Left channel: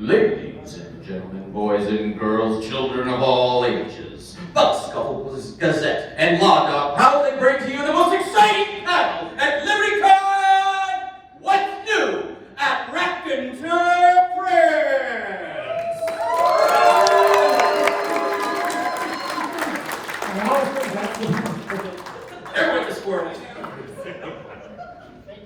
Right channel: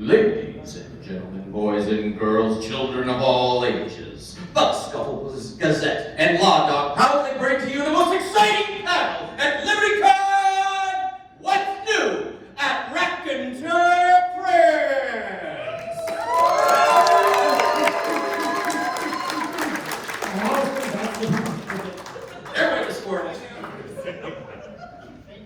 Ladies and gentlemen, boys and girls, children of all ages, Bucks, Scuffles, Gazette, and Law Dog proudly bring to you the most exciting panel at LibertyCon! What's new at Raconteur Press? There went the squirrel.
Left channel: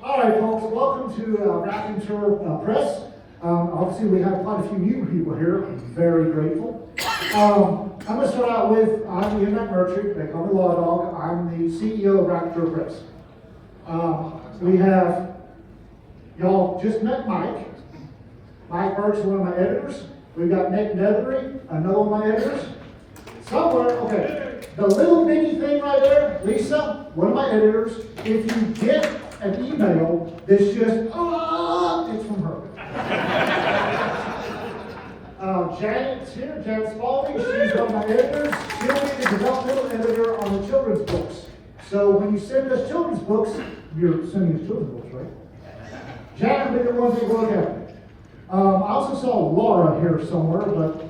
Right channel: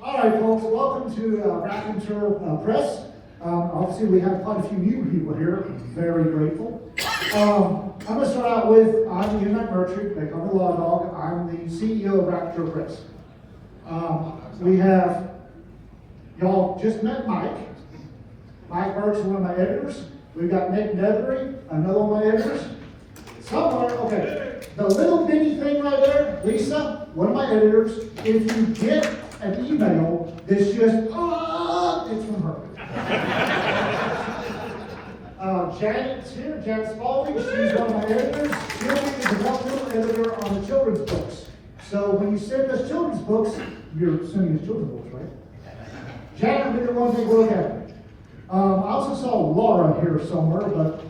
All right, folks, welcome to Raconteur Press. Obviously, we have quite a few new people here. I'm very grateful. I'm going to start out with, I'm Ian McMurtry. They call me Law Dog. I'm the CEO of Raconteur Press. We have, y'all just met Mike. Mike Burke's one of my editors. We've got Nick Nethery, another one of my editors. Somewhere, okay, the little bitty thing right there, Lisa, one of my editors, if you get an email that's just, it's from her. Janet's here, Janet Spalding, she's one of my editors. She'll be the developmental editor on the children's books. So when you send us children's books, you're sending us children's books, right? Janet will be the one to look at it. I also saw Laura here somewhere, but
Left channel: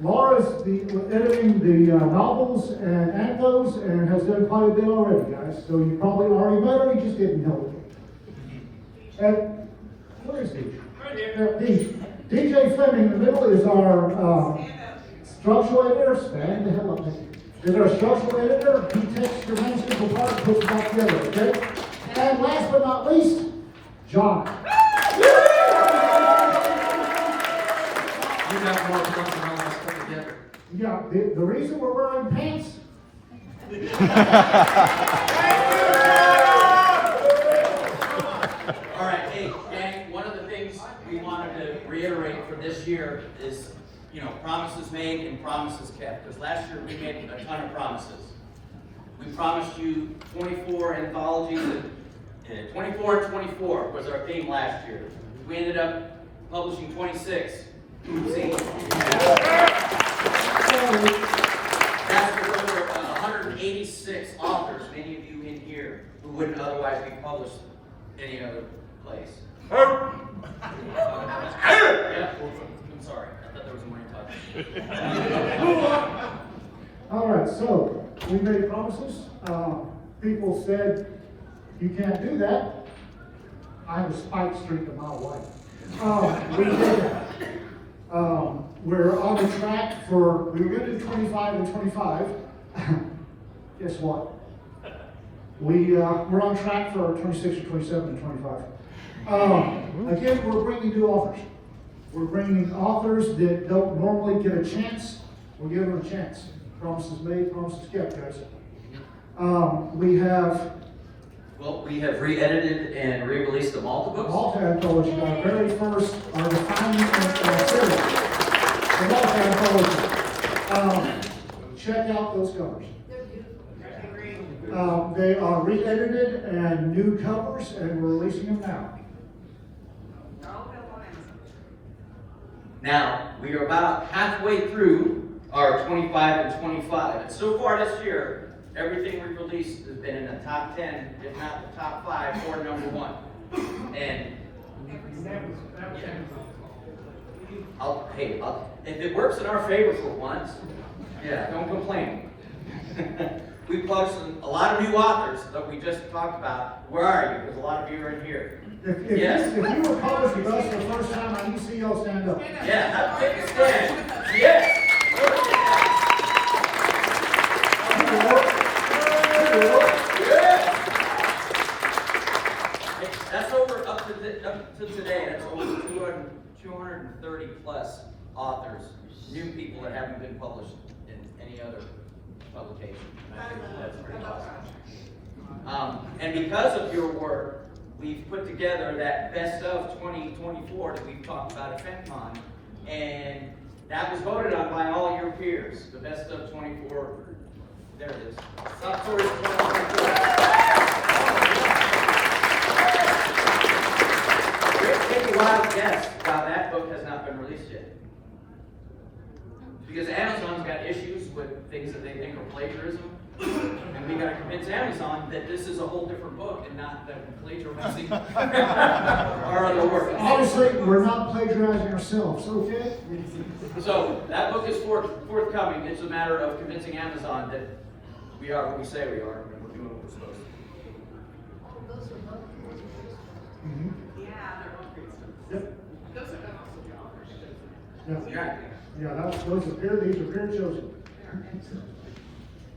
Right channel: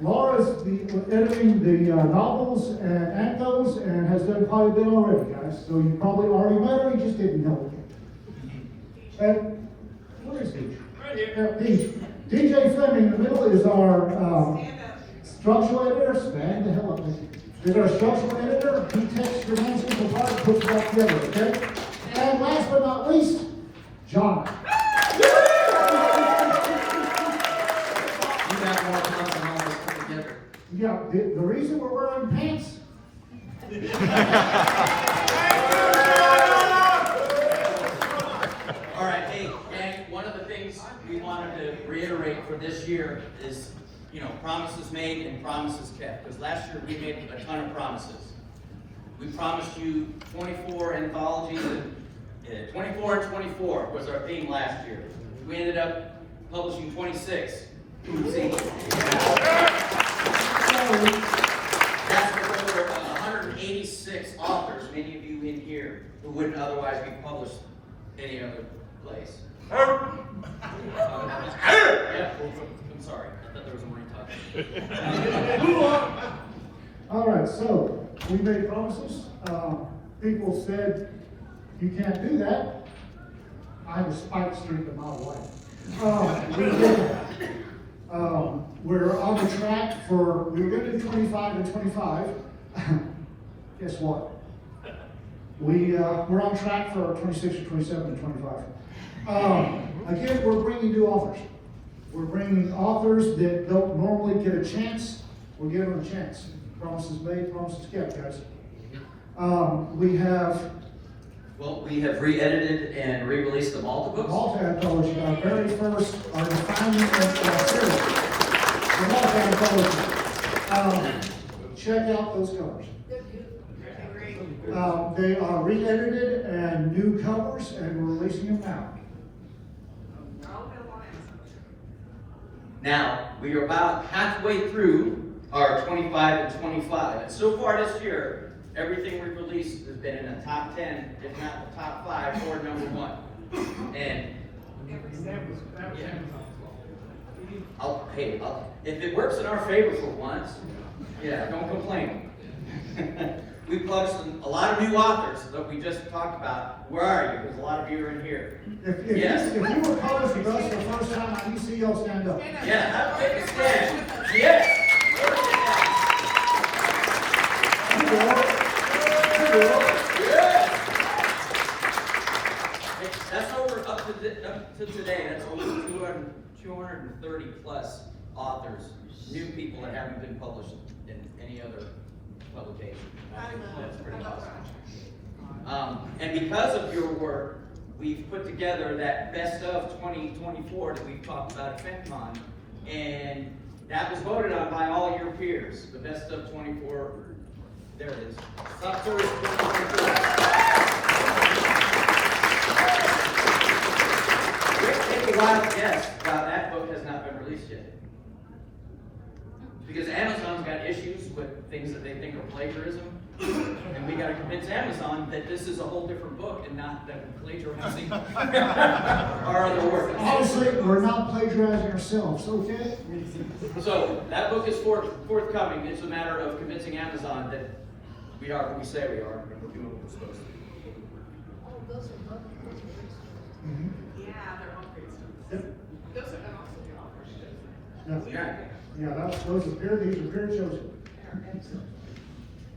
Laura's editing the novels and anthos and has done quite a bit already, guys. So you probably already met her, you just didn't know it. And where is he? Right here. DJ Fleming in the middle is our structural editor. Stand the hell up, man. Is our structural editor. He takes your answers apart and puts it back together, okay? And last but not least, John. You got more fun than all this put together. Yeah, the reason we're wearing pants. All right, hey, gang, one of the things we wanted to reiterate for this year is, promises made and promises kept. Because last year we made a ton of promises. We promised you 24 anthologies, 24 and 24 was our theme last year. We ended up publishing 26. See? That's over 186 authors, many of you in here, who wouldn't otherwise be published any other place. Yeah, I'm sorry. I thought there was a more talk. All right, so we made promises. People said, you can't do that. I have a spike streak a mile away. We did. We're on the track for, we were going to do 25 and 25. Guess what? We're on track for 26 or 27 and 25. Again, we're bringing new authors. We're bringing authors that don't normally get a chance. We're giving them a chance. Promises made, promises kept, guys. We have re-edited and re-released the Malta books. Malta anthology, our very first, our defining series. The Malta anthology. Check out those covers. They are re-edited and new covers, and we're releasing them now. Now, we are about halfway through our 25 and 25. And so far this year, everything we've released has been in the top 10, if not the top 5, or number 1. And if it works in our favor for once, don't complain. We published a lot of new authors that we just talked about. Where are you? Because a lot of you are in here. If Yes. you were published with us for the first time, I need to see y'all stand up. Yeah, have a take a stand. Yes. That's over up to today. That's over 230 plus authors, new people that haven't been published in any other publication. I think that's pretty awesome. And because of your work, we've put together that best of 2024 that we've talked about at FenCon, and that was voted on by all your peers. The best of 24. There it is. Top tours 2024. Take a wild guess why that book has not been released yet. Because Amazon's got issues with things that they think are plagiarism. And we gotta convince Amazon that this is a whole different book and not that we're plagiarizing our other work. Honestly, we're not plagiarizing ourselves, okay? So that book is forthcoming. It's a matter of convincing Amazon that we are what we say we are, and we're doing what we're supposed to. Oh, those are both reviews. Mhm. Yeah, they're all great stuff. Yep. Those are also the authors. No. Yeah. Those are peer, these are peer chosen.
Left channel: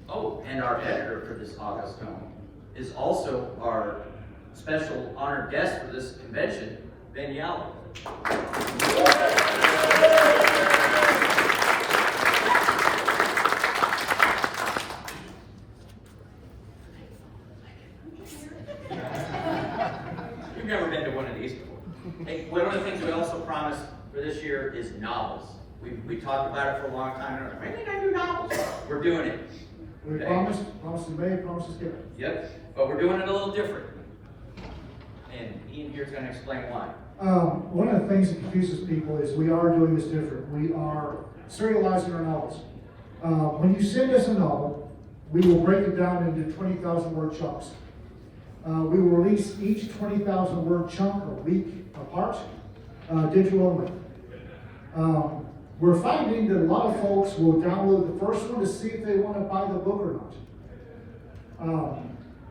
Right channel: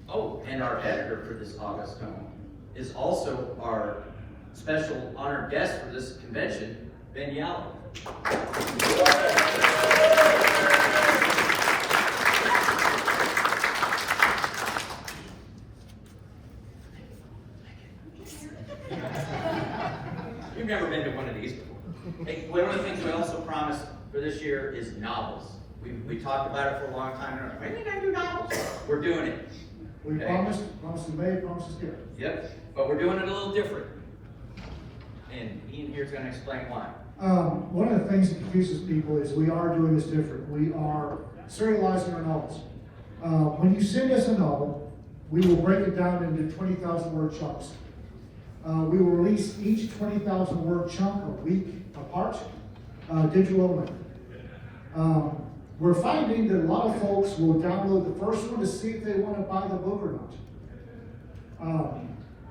Oh, and our editor for this August coming is also our special honored guest for this convention, Ben Yalvo. You've never been to one of these before. Hey, one of the things we also promised for this year is novels. We talked about it for a long time. And we're like, why didn't I do novels? We're doing it. We Okay. promised is made, promise is given. Yep, but we're doing it a little different. And Ian here's gonna explain why. One of the things that confuses people is we are doing this different. We are serializing our novels. When you send us a novel, we will break it down into 20,000 word chunks. We will release each 20,000 word chunk a week apart, digital only. We're finding that a lot of folks will download the first one to see if they want to buy the book or not.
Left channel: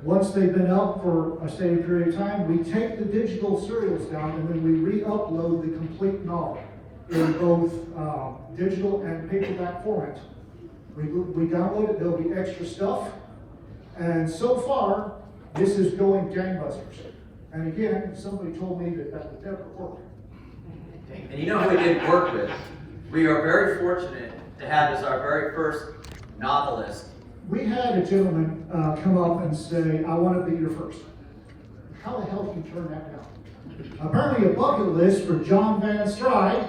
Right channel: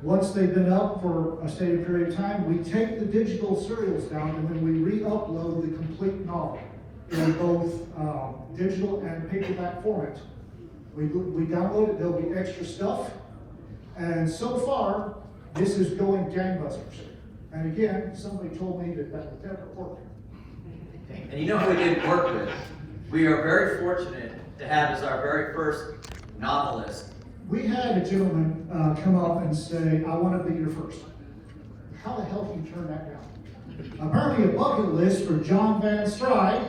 Once they've been up for a steady period of time, we take the digital serials down and then we re-upload the complete novel in both digital and paperback format. We download it, there'll be extra stuff. And so far, this is going gangbusters. And again, somebody told me that was their report. And you know who we did work with? We are very fortunate to have as our very first novelist. We had a gentleman come up and say, I want to be your first. How the hell did you turn that down? Apparently a bucket list for John Van Stride.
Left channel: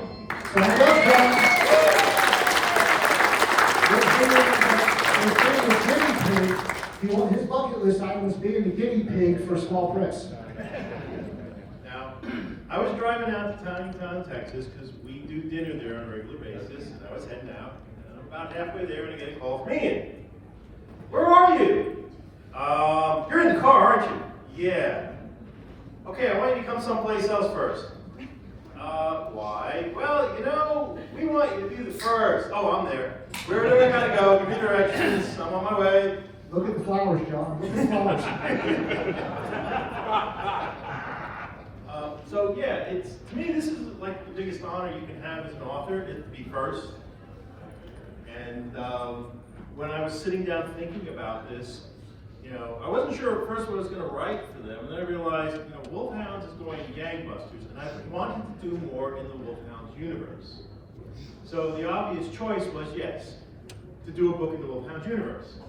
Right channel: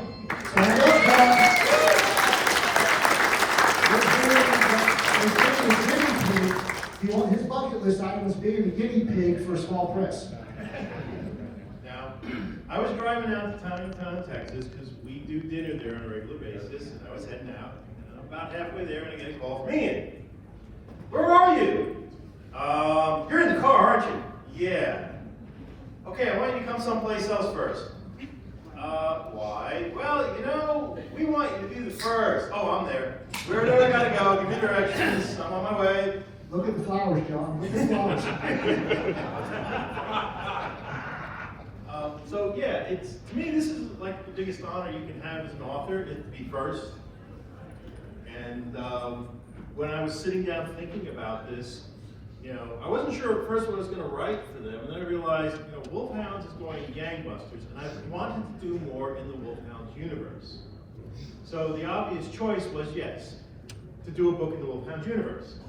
So his bucket list item was being the guinea pig for a small press. Now, I was driving out to Town, Texas, because we do dinner there on a regular basis, and I was heading out, and I'm about halfway there, and I get a call from Ian. Where are you? You're in the car, aren't you? Yeah. Okay, I want you to come someplace else first. Why? Well, we want you to be the first. Oh, I'm there. Where we gotta go? Give me directions. I'm on my way. Look at the flowers, John. Look at the flowers. So yeah, to me this is like the biggest honor you can have as an author, is to be first. And when I was sitting down thinking about this, I wasn't sure at first what I was going to write for them, and then I realized, Wolfhounds is going gangbusters, and I wanted to do more in the Wolfhounds universe. So the obvious choice was, yes, to do a book in the Wolfhounds universe,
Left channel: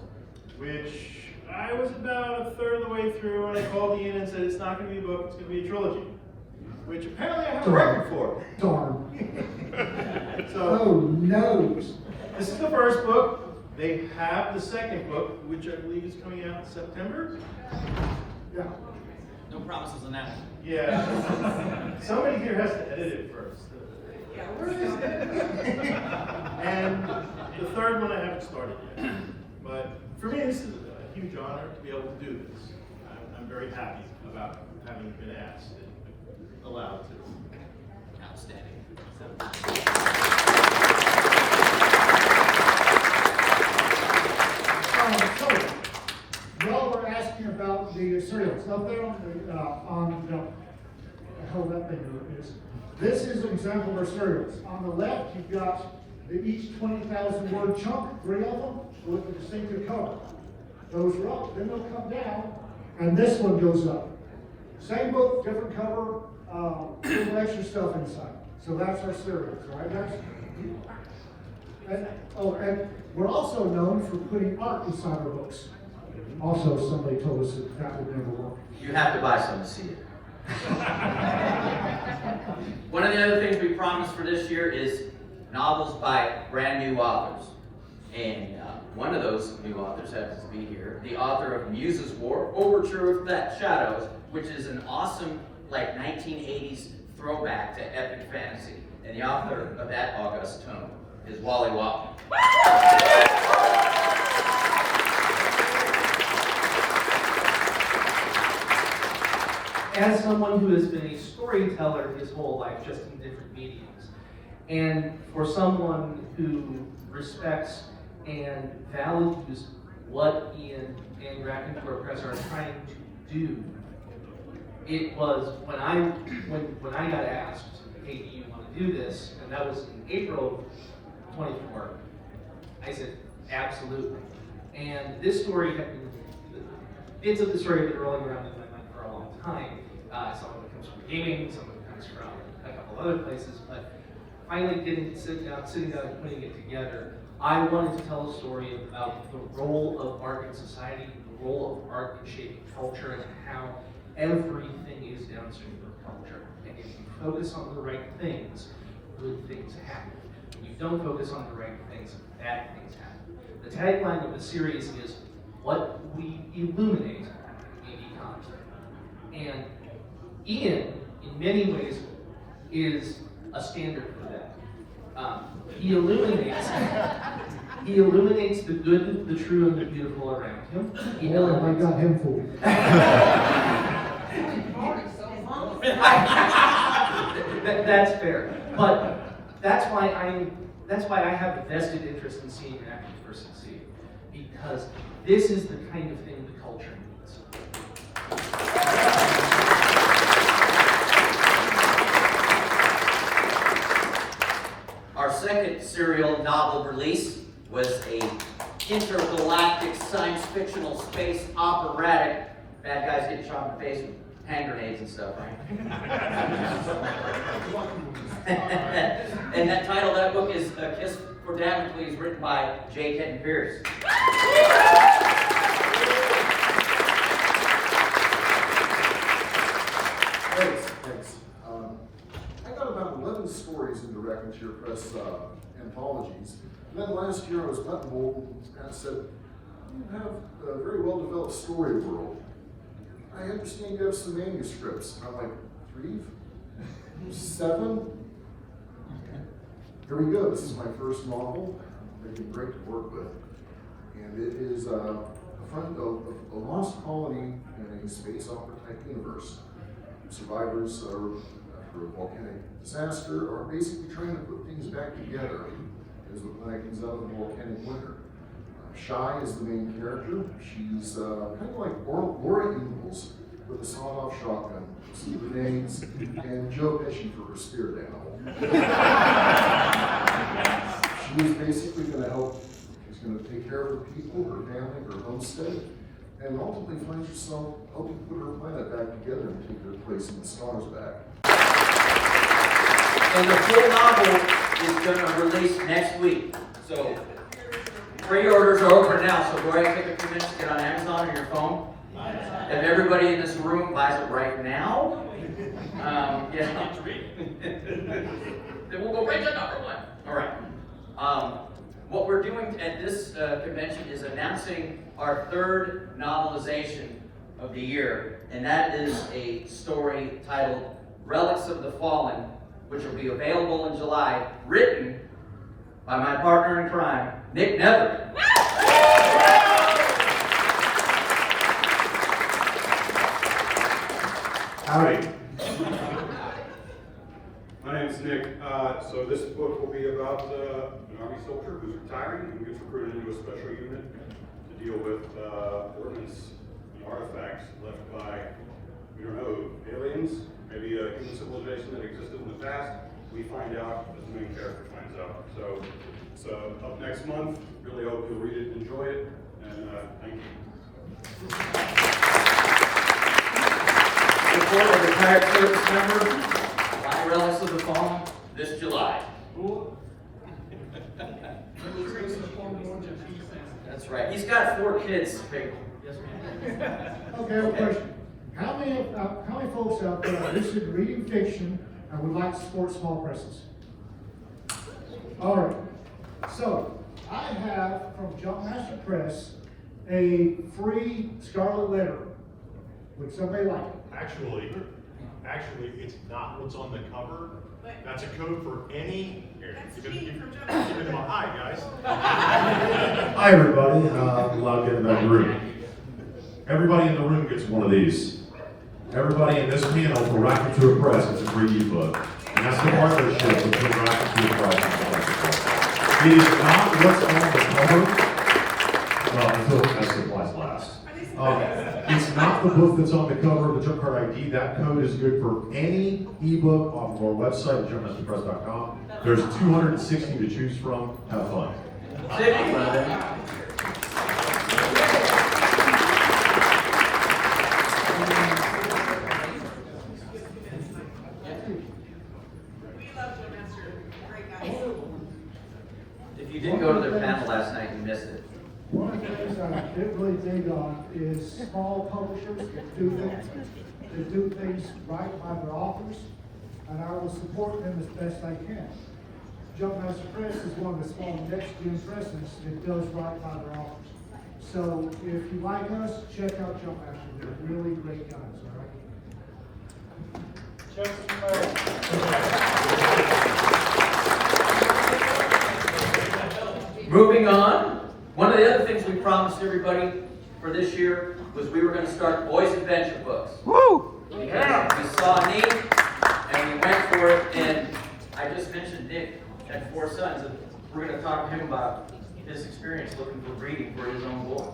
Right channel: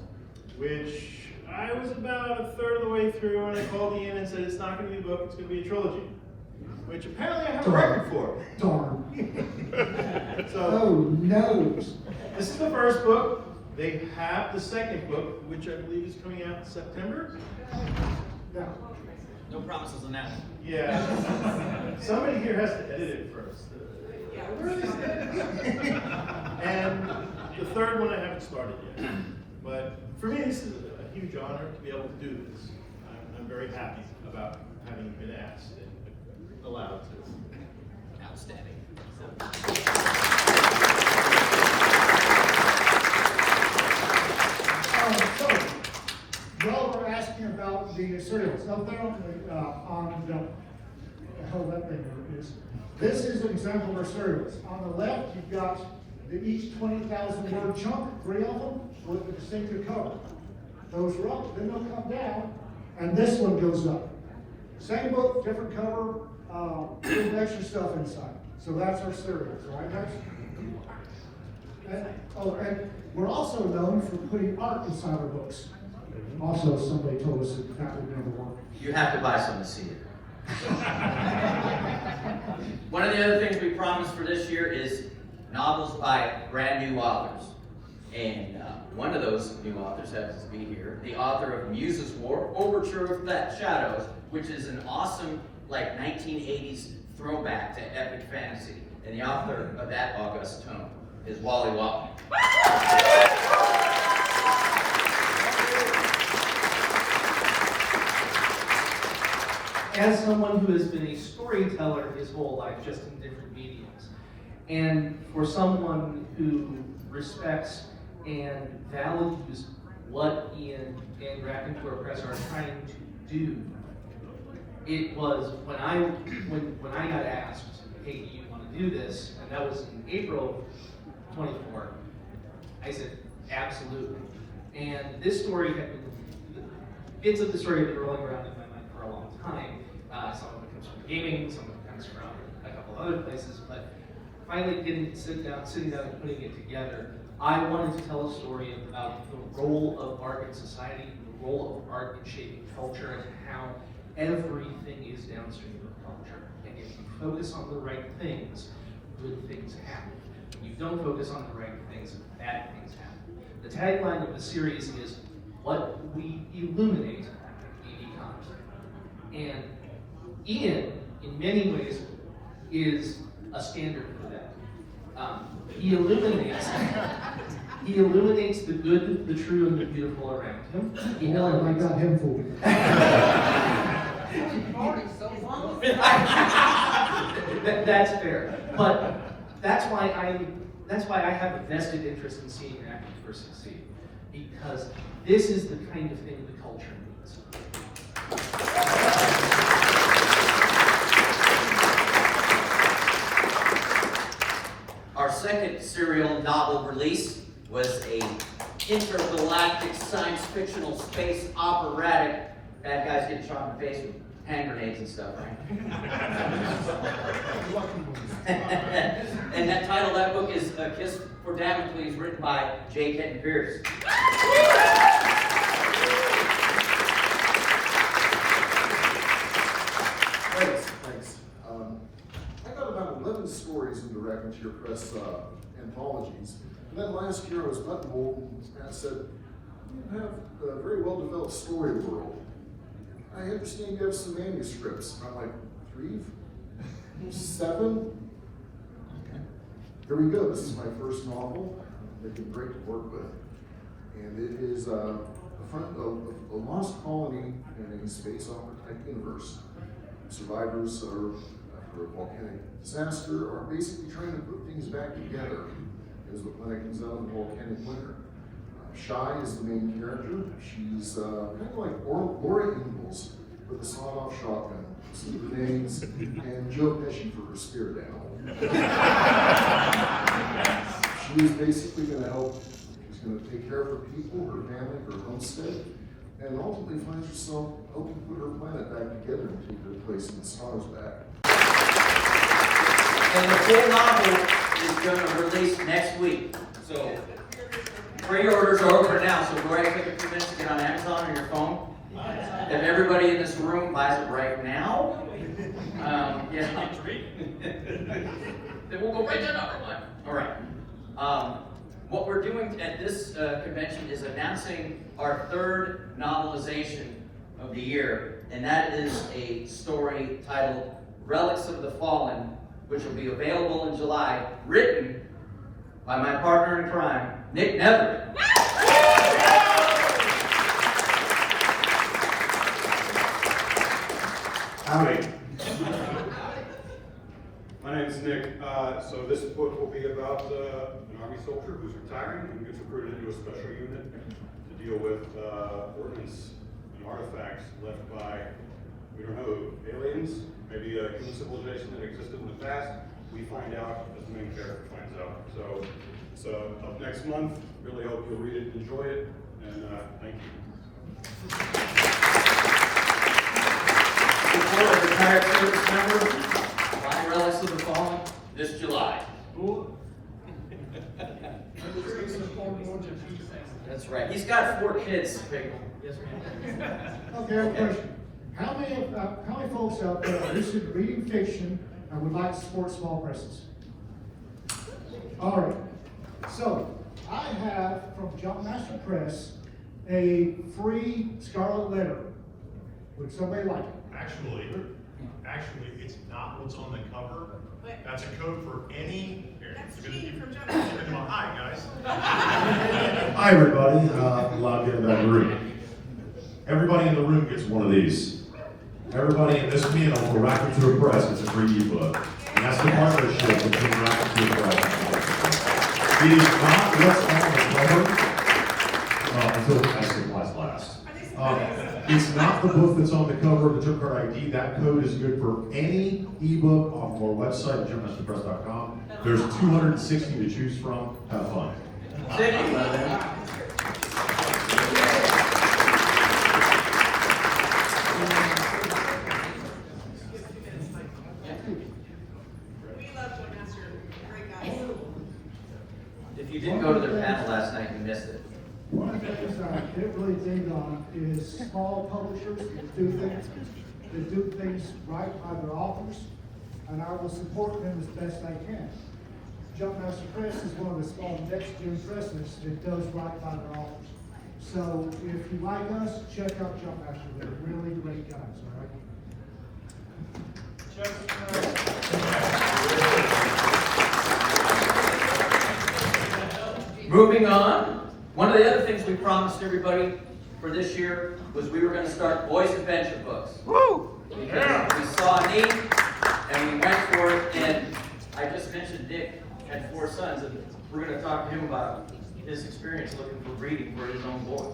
which I was about a third of the way through, and I called Ian and said, it's not going to be a book, it's going to be a trilogy, which apparently I have a record for. Darn. So, Oh, no. this is the first book. They have the second book, which I believe is coming out in September. Yeah. No promises on that one. Yeah. Somebody here has to edit it first. Yeah, where is it? And the third one I haven't started yet. But for me, this is a huge honor to be able to do this. I'm very happy about having been asked and allowed to. Outstanding. So, y'all were asking about the cereals. Up there on the hell that thing is. This is an example of our cereals. On the left, you've got each 20,000 word chunk, 3 of them, with a distinctive color. Those are up, then they'll come down, and this one goes up. Same book, different cover, little extra stuff inside. So that's our cereals, right, guys? And we're also known for putting art inside our books. Also, somebody told us that would never work. You have to buy some to see it. One of the other things we promised for this year is novels by brand new authors. And one of those new authors happens to be here, the author of Muse's War, Overture of Shadows, which is an awesome, 1980s throwback to epic fantasy. And the author of that august tome is Wally Walton. as someone who has been a storyteller his whole life, just in different mediums, and for someone who respects and values what Ian and Raconteur Press are trying to do, it was when I got asked, hey, do you want to do this? And that was in April of 24. I said, absolutely. And this story had been, bits of the story have been rolling around in my mind for a long time. Some of it comes from gaming, some of it comes from a couple of other places, but finally sitting down and putting it together, I wanted to tell a story about the role of art in society, the role of art in shaping culture, and how everything is downstream of culture. And if you focus on the right things, good things happen. When you don't focus on the right things, bad things happen. The tagline of the series is, what we illuminate, we become. And Ian, in many ways, is a standard for that. He illuminates the good, the true, and the beautiful around him. He Oh, I got him fooled. That's fair, but that's why I have a vested interest in seeing Raconteur succeed, because this is the kind of thing the culture needs. Our second serial novel release was a intergalactic science fictional space operatic. Bad guys getting shot in the face with hand grenades and stuff, right? And that title, that book is A Kiss for Damocles, written by J. Kenton Pierce. Thanks. I got about 11 stories in the Raconteur Press anthologies. And then last year I was buttonholed and I said, you have a very well-developed story world. I understand you have some manuscripts. And I'm like, 3? 7? Here we go. This is my first novel. They've been great to work with. And it is a lost colony in a space opera type universe. Survivors are, after a volcanic disaster, are basically trying to put things back together as the planet comes out of the volcanic winter. Shy is the main character. She's kind of like Laura Ingalls with a sawed-off shotgun, some grenades, and Joe Pesci for her spirit animal. She's basically going to help. She's going to take care of her people, her family, her homestead, and ultimately finds herself helping put her planet back together and take her place in the stars back. And the full novel is going to release next week. So pre-orders are open now, so go ahead and take a few minutes to get on Amazon or your phone. If everybody in this room buys it right now, yeah. Then we'll go right to number 1. All right. What we're doing at this convention is announcing our 3rd novelization of the year, and that is a story titled Relics of the Fallen, which will be available in July, written by my partner in crime, Nick Netherman. Howdy. My name's Nick. So this book will be about an Army soldier who's retiring and gets recruited into a special unit to deal with ordnance and artifacts left by, we don't know, aliens, maybe a human civilization that existed in the past. We find out as the main character finds out. So up next month, really hope you'll read it and enjoy it, and thank you. Before a retired service member, my Relics of the Fallen, this July. That's right. He's got 4 kids. Okay, I have a question. How many folks out there are interested in reading fiction and would like to support small presses? All right. So, I have from Raconteur Press a free Scarlet Letter. Would somebody like it? Actually, it's not what's on the cover. That's a code for any. That's cheating from Joe. Hi, guys. Hi, everybody. A lot of people in the room. Everybody in the room gets one of these. everybody in this meeting for Raconteur Press, it's a free ebook. And that's the partnership between Raconteur Press and Raconteur Press. It is not what's on the cover, until as supplies last. It's not the book that's on the cover, the Jump Card ID. That code is good for any ebook on our website, jumpmasterpress.com. There's 260 to choose from. Have fun. We love Joe Master, great guy. If you didn't go to the panel last night, you missed it. One of the things I get really big on is small publishers that do things right by their authors, and I will support them as best I can. Jumpmaster Press is one of the small next-gen presses that does right by their authors. So if you like us, check out Jumpmaster. They're really great guys, all right? Moving on, one of the other things we promised everybody for this year was we were going to start boys' adventure books. Woo! Because we saw a need and we went for it. And I just mentioned Dick had 4 sons, and we're going to talk to him about his experience looking for reading for his own boy.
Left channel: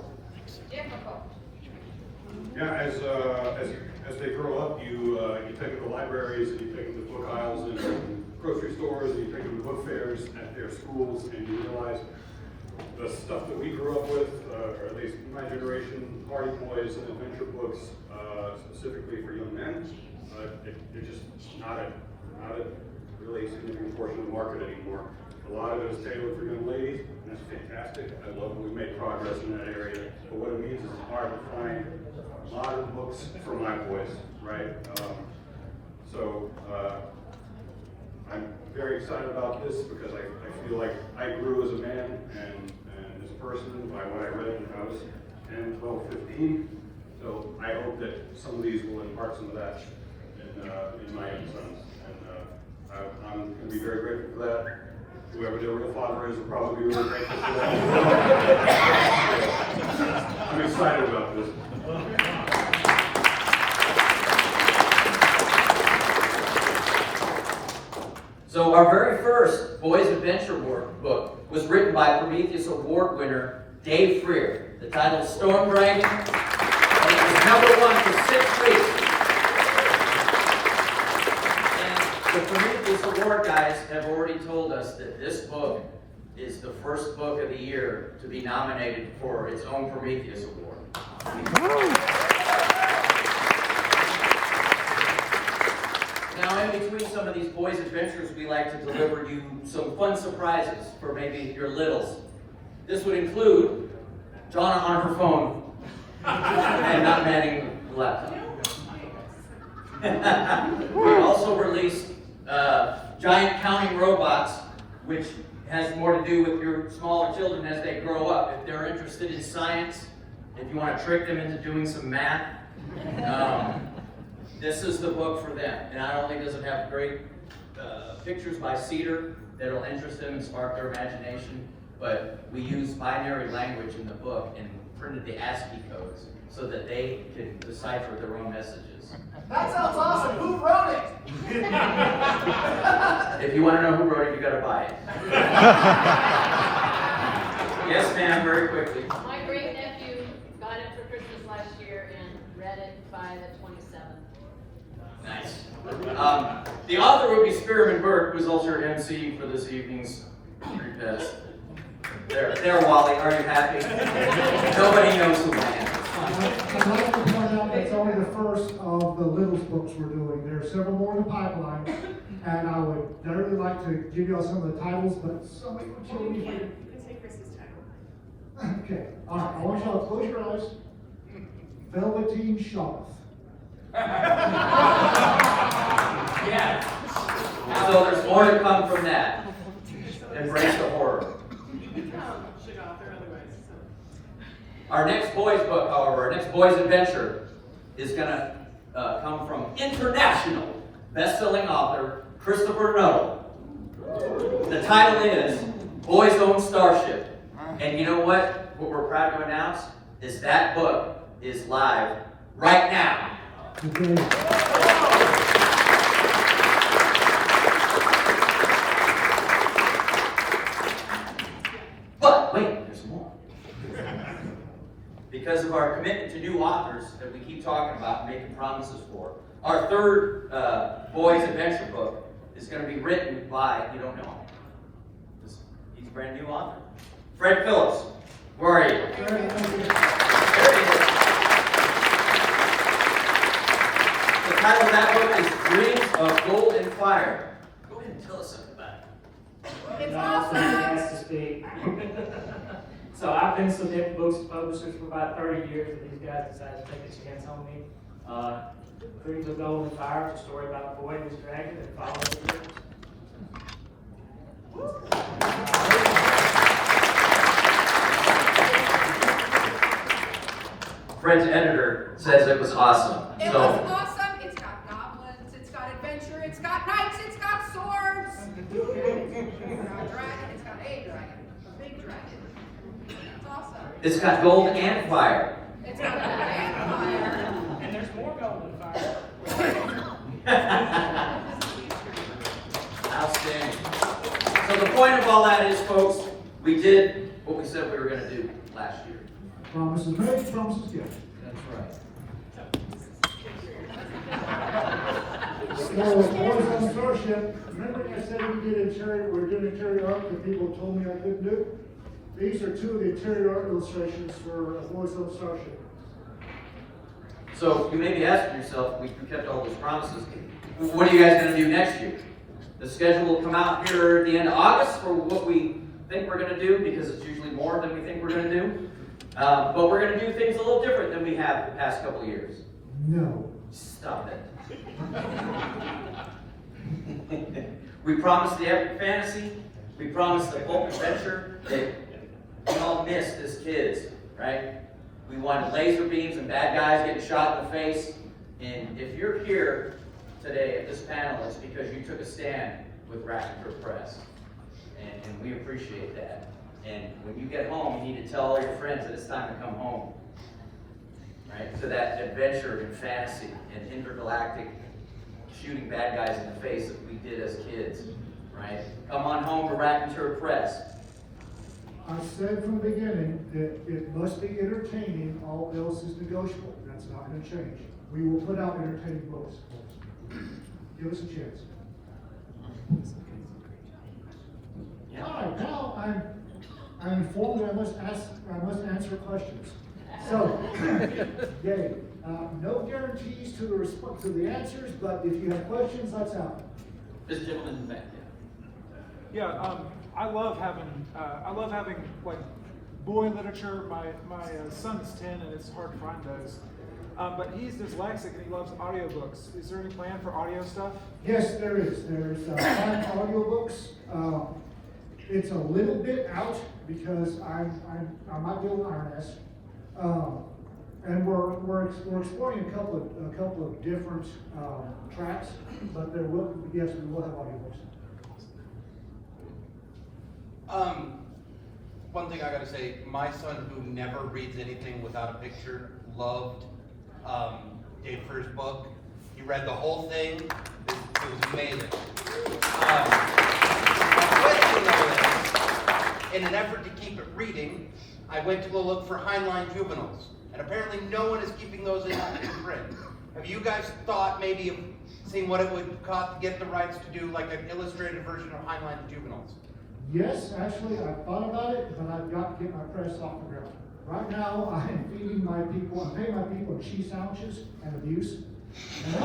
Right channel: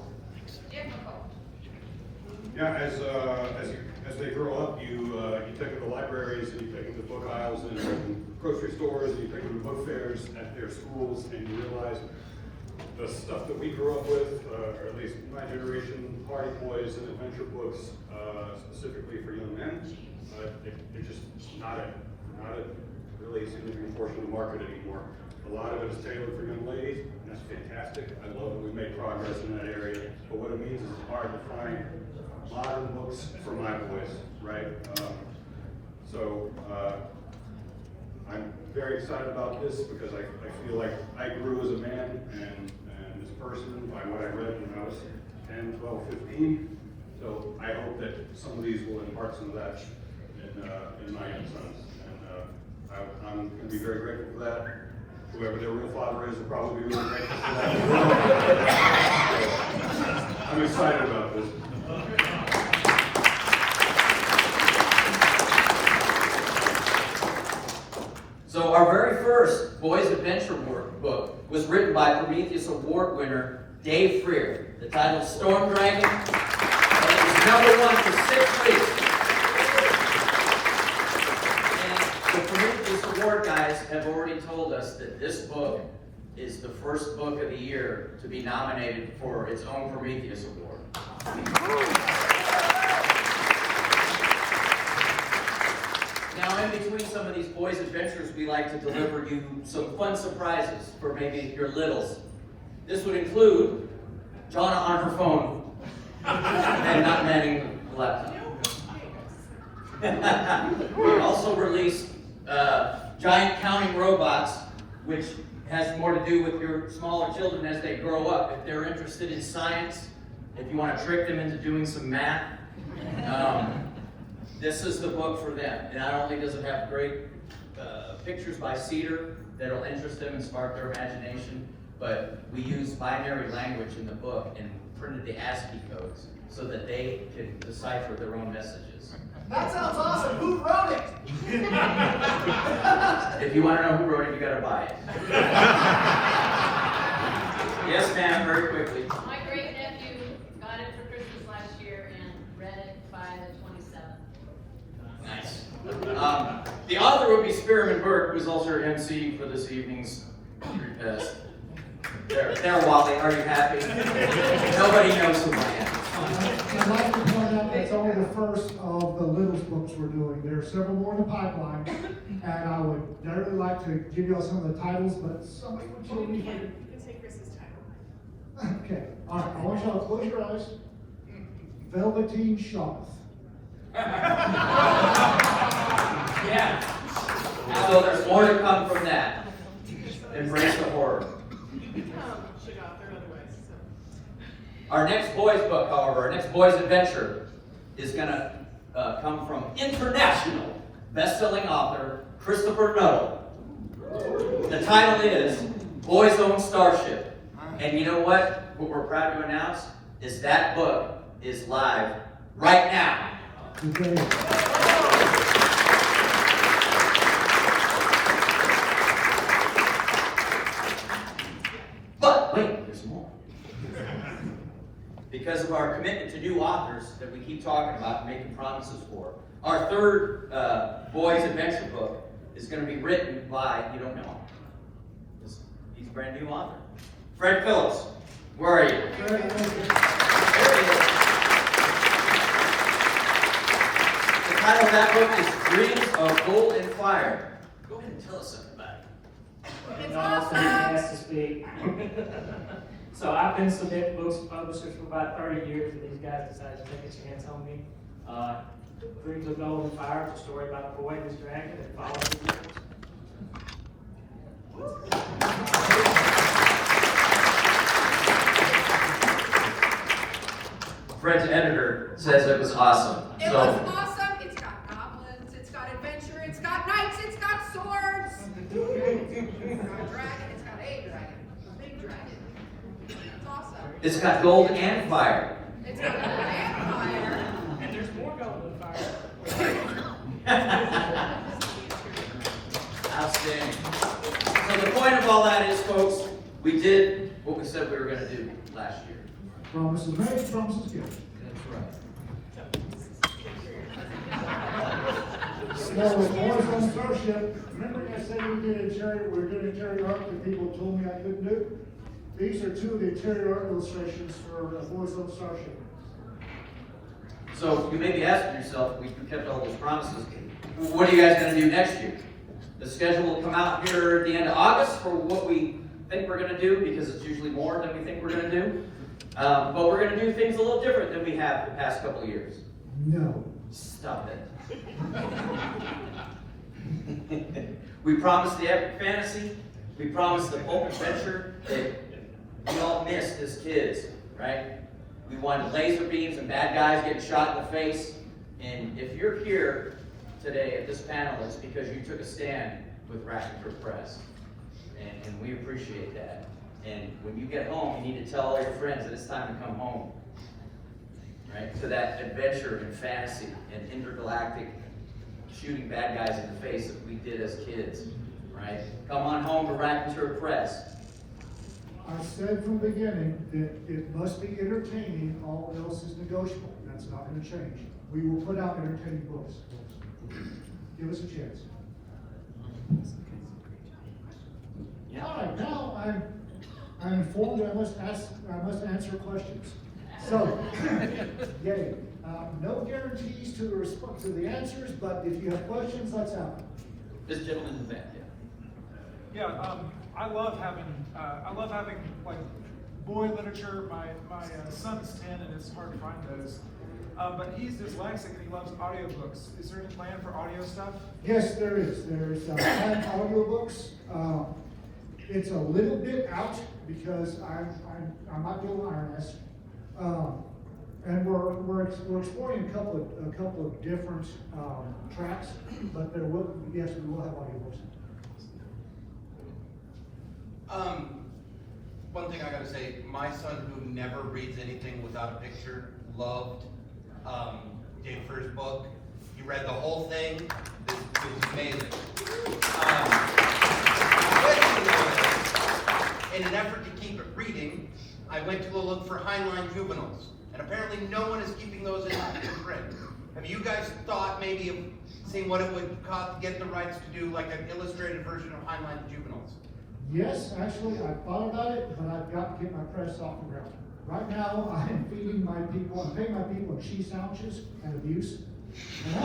Yeah, as they grow up, you take them to libraries, and you take them to book aisles in grocery stores, and you take them to book fairs at their schools, and you realize the stuff that we grew up with, or at least my generation, party boys and adventure books, specifically for young men, it's just not a really significant portion of the market anymore. A lot of it is tailored for young ladies, and that's fantastic. I love that we made progress in that area. But what it means is it's hard to find modern books for my boys, right? I'm very excited about this because I feel like I grew as a man and as a person by what I read when I was 10, 12, 15. So I hope that some of these will impart some of that in my young sons. And I'm going to be very grateful for that. Whoever their real father is will probably be really grateful for that. I'm excited about this. So our very first boys' adventure book was written by Prometheus Award winner Dave Freer. The title is Storm Dragon, and it was #1 for 6 weeks. And the Prometheus Award guys have already told us that this book is the first book of the year to be nominated for its own Prometheus Award. Now, in between some of these boys' adventures, we like to deliver you some fun surprises for maybe your littles. This would include Donna on her phone and not manning the laptop. We also released giant counting robots, which has more to do with your smaller children as they grow up. If they're interested in science, if you want to trick them into doing some math, this is the book for them. And not only does it have great pictures by Cedar that'll interest them and spark their imagination, but we use binary language in the book and printed the ASCII codes so that they can decipher their own messages. That sounds awesome. Who wrote it? If you want to know who wrote it, you gotta buy it. Yes, ma'am, very quickly. My great nephew got it for Christmas last year and read it by the 27th. Nice. The author would be Spearman Burke, who's also our MC for this evening's repast. There, Wally, are you happy? Nobody knows who I am. I'd like to point out that's only the first of the Littles books we're doing. There are several more in the pipeline, and I would really like to give y'all some of the titles, but somebody will kill me. You can take Chris's title. Okay, all right, I want y'all to close your eyes. Velveteen Shaw. Yeah. So there's more to come from that. Embrace the horror. Should author otherwise, so. Our next boys book, however, our next boys adventure is going to come from international best-selling author Christopher Nuttall. The title is Boys Own Starship. And you know what? What we're proud to announce is that book is live right now today. But wait, there's more. Because of our commitment to new authors that we keep talking about and making promises for, our third boys adventure book is going to be written by, you don't know him, he's a brand new author, Fred Phillips. Where are you? There he is. The title of that book is Dreams of Gold and Fire. Go ahead and tell us something about it. It's That's awesome. nice to speak. So I've been submitting books to publishers for about 30 years, and these guys decided to take a chance on me. Dreams of Gold and Fire, it's a story about a boy and his dragon and 500 years. Fred's editor says it was awesome. It So was awesome. It's got goblins, it's got adventure, it's got knights, it's got swords. It's got a dragon, it's got a dragon, a big dragon. It's awesome. it's got gold and fire. It's got a fire. And there's more gold and fire. Outstanding. So the point of all that is, folks, we did what we said we were going to do last year. Promises made, promises kept. That's right. So, Boys on Starship, remember I said we did we're doing interior art that people told me I couldn't do? These are two of the interior art illustrations for Boys on Starship. So you may be asking yourself, we kept all those promises. What are you guys going to do next year? The schedule will come out here at the end of August for what we think we're going to do, because it's usually more than we think we're going to do. But we're going to do things a little different than we have the past couple of years. No. Stop it. We promised the epic fantasy. We promised the pulp adventure that we all missed as kids, right? We wanted laser beams and bad guys getting shot in the face. And if you're here today at this panel, it's because you took a stand with Raconteur Press. And we appreciate that. And when you get home, you need to tell all your friends that it's time to come home. Right? To that adventure and fantasy and intergalactic shooting bad guys in the face that we did as kids. Right? Come on home to Raconteur Press. I said from the beginning that it must be entertaining, all else is negotiable. That's not going to change. We will put out entertaining books. Give us a chance. Yeah. All right, now I'm informed that I must answer questions. So, yay. No guarantees to the response to the answers, but if you have questions, let's have them. This gentleman in the back. Yeah, I love having like boy literature. My son's 10 and it's hard to find those. But he's dyslexic and he loves audiobooks. Is there any plan for audio stuff? Yes, there is. There's 5 audiobooks. It's a little bit out because I might be a lioness. And we're exploring a couple of different tracks, but we will have audiobooks. One thing I gotta say, my son, who never reads anything without a picture, loved Dave Fir's book. He read the whole thing. It was amazing. In an effort to keep it reading, I went to go look for Heinlein juveniles, and apparently no one is keeping those in print. Have you guys thought maybe of seeing what it would cost to get the rights to do like an illustrated version of Heinlein juveniles? Yes, actually, I thought about it, but I've got to get my press off the ground. Right now, I am feeding my people, I'm paying my people in cheese sandwiches and abuse. And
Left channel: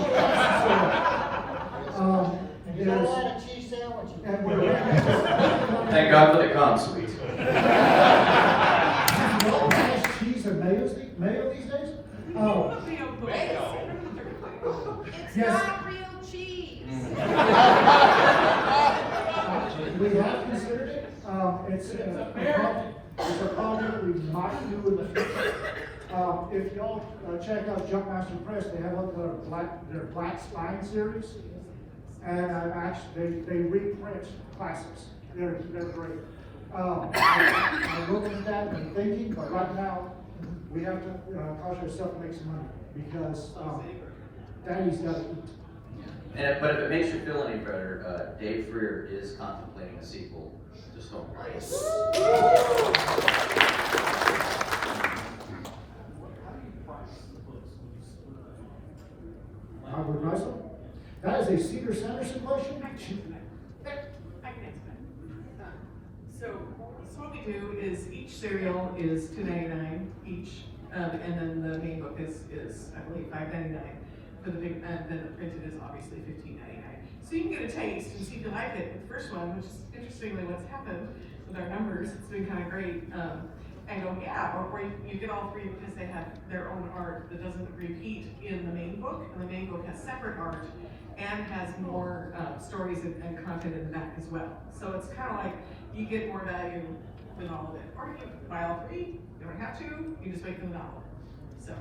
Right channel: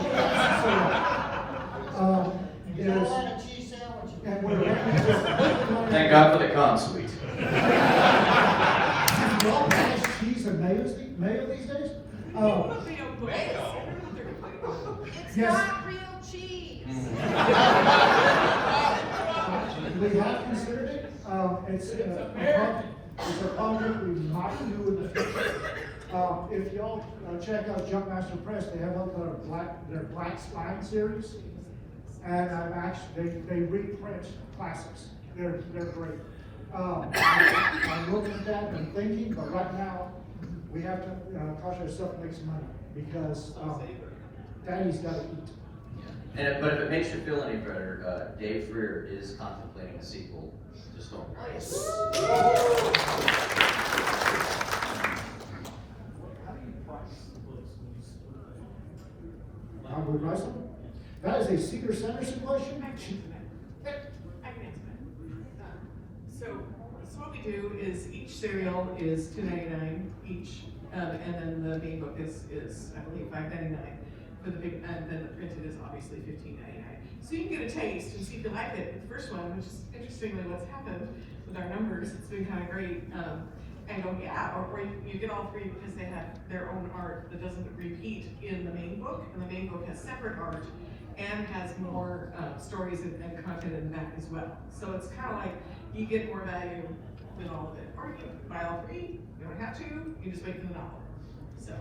all that's cheese sandwiches. and we're Thank God for the con suite. y'all manage cheese and mayo these days? It's Yes. not real cheese. We have considered it. It's a project we might do in the future. If y'all check out Jumpmaster Press, they have their Black Spine series, and actually they reprint classics. They're great. I'm looking at that and thinking, but right now we have to cause ourselves to make some money because Daddy's gotta eat. But if it makes you feel any better, Dave Freer is contemplating a sequel to Stone Price. How do we price them? That is a Cedar Sanderson question? I can answer that. So what we do is each serial is $2.99 each, and then the main book is I believe $5.99 for the big, and then the printed is obviously $15.99. So you can get a taste and see if you like it. The first one, which is interestingly what's happened with our numbers, it's been kind of great. And go, yeah, or you get all three because they have their own art that doesn't repeat in the main book, and the main book has separate art and has more stories and content in the back as well. So it's kind of like you get more value with all of it. Or you can buy all three, you don't have to, you just wait for the novel. So.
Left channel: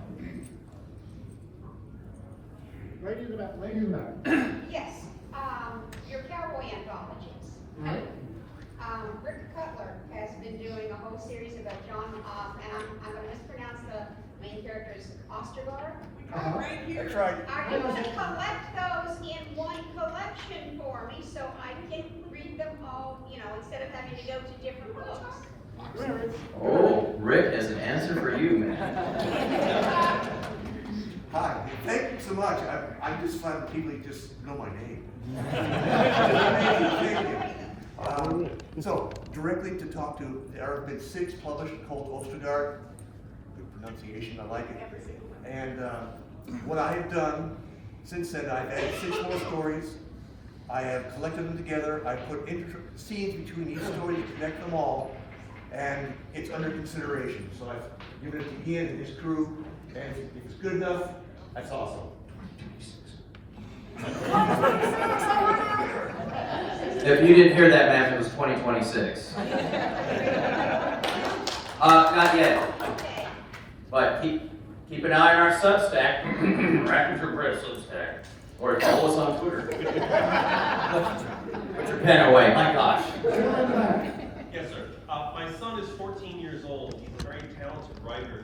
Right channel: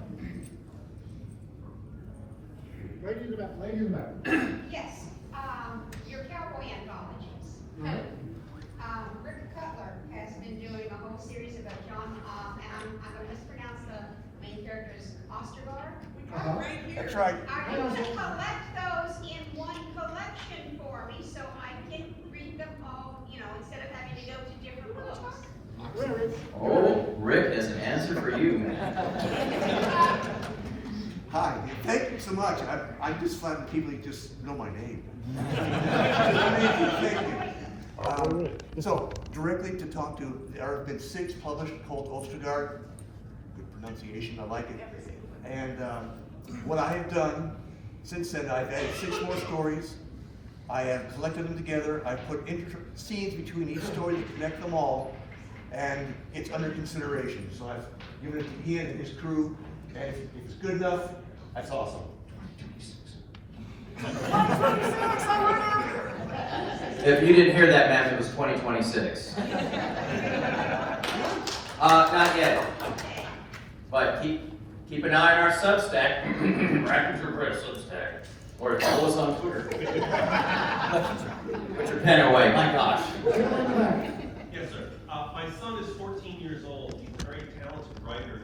Lady in the back. Yes, your cowboy anthologies. Right. Rick Cutler has been doing a whole series about John, and I'm gonna mispronounce the main character's Ostergaard. Right here. That's right. I'm gonna collect those in one collection for me, so I can read them all, instead of having to go to different books. Oh, Rick has an answer for you, man. Hi, thank you so much. I'm just flattered people just know my name. So, directly to talk to, there have been 6 published called Ostergaard. Good pronunciation, I like it. And what I have done since then, I've added 6 more stories. I have collected them together. I put scenes between each story to connect them all. And it's under consideration. So I've given it to Ian and his crew. And if it's good enough, that's awesome. If you didn't hear that, man, it was 2026. Not yet. But keep an eye on our Substack, Raconteur Press Substack, or follow us on Twitter. Put your pen away, my gosh. Yes, sir. My son is 14 years old. He's a very talented writer.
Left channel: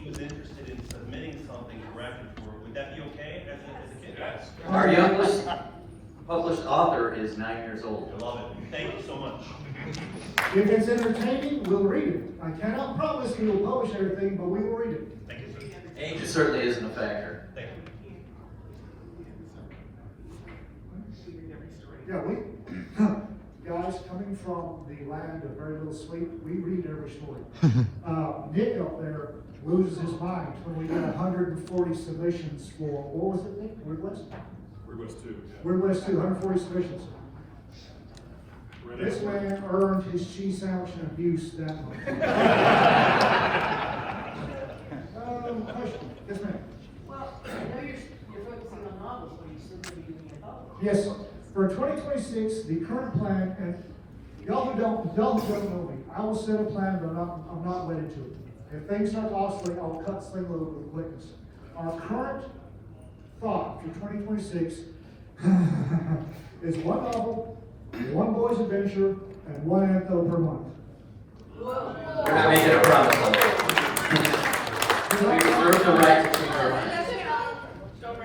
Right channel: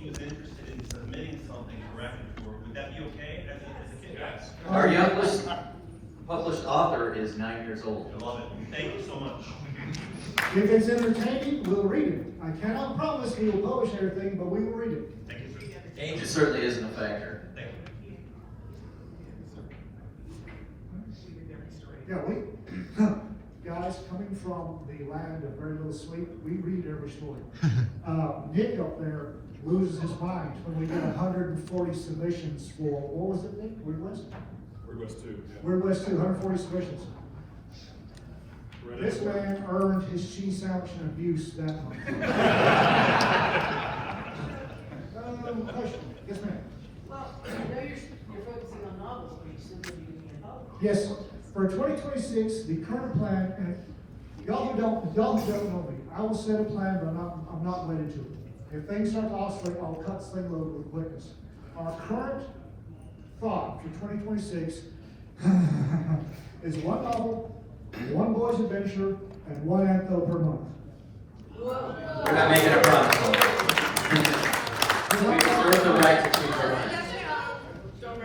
He was interested in submitting something to Raconteur. Would that be okay as a kid? Yes. Our youngest published author is 9 years old. I love it. Thank you so much. If it's entertaining, we'll read it. I cannot promise we will publish everything, but we will read it. Thank you, sir. Age certainly isn't a factor. Thank you. Yeah, guys, coming from the land of very little sleep, we read every story. Nick up there loses his mind when we did 140 submissions for, what was it, Nick? Weird West? We're West 2. Weird West 2, 140 submissions. This man earned his cheese sandwich and abuse that month. Question? Yes, ma'am. Well, I know you're focusing on novels, but you simply need to be published. Yes, for 2026, the current plan, and y'all who don't know me, I will set a plan, but I'm not wedded to it. If things start to oscillate, I will cut this thing a little with quickness. Our current thought for 2026 is 1 novel, 1 boy's adventure, and 1 anthology per month. We're not making a promise on that. We reserve the right to keep our.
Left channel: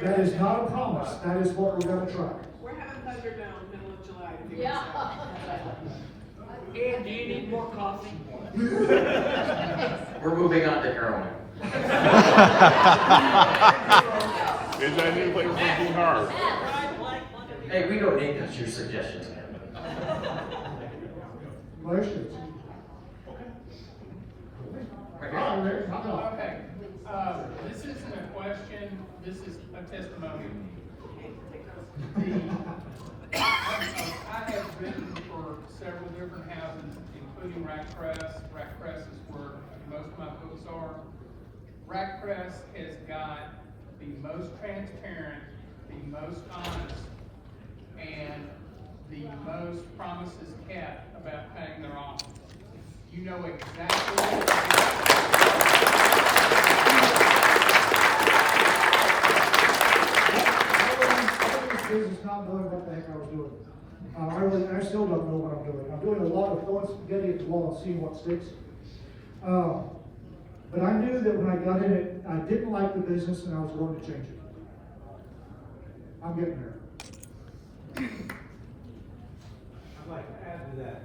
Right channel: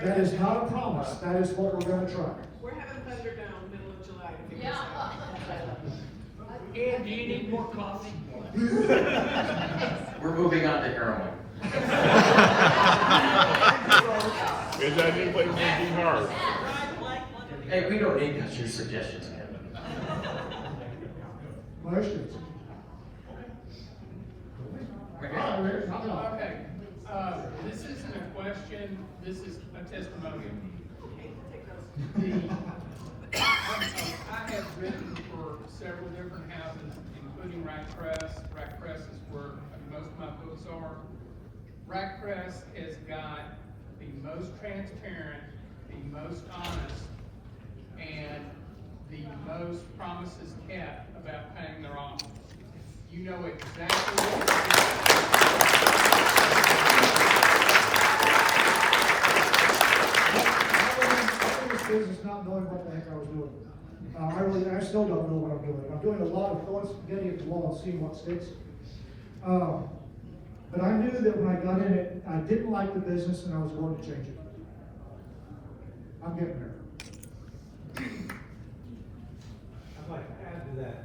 That is not a promise, that is what we're gonna try. We're having Thunder down middle of July. To figure Yeah. this out. And do you need more coffee? We're moving on to heroin. Is that new flavor from Dean Hard? Hey, we don't need your suggestions. Questions? Okay, this isn't a question, this is a testimony. I have written for several different houses, including Rack Press. Rack Press is where most of my books are. Rack Press has got the most transparent, the most honest, and the most promises kept about paying their offers. You know exactly what Business not knowing what the heck I was doing. I still don't know what I'm doing. I'm doing a lot of throwing spaghetti at the wall and seeing what sticks. But I knew that when I got in it, I didn't like the business and I was going to change it. I'm getting there. I'd like to add to that.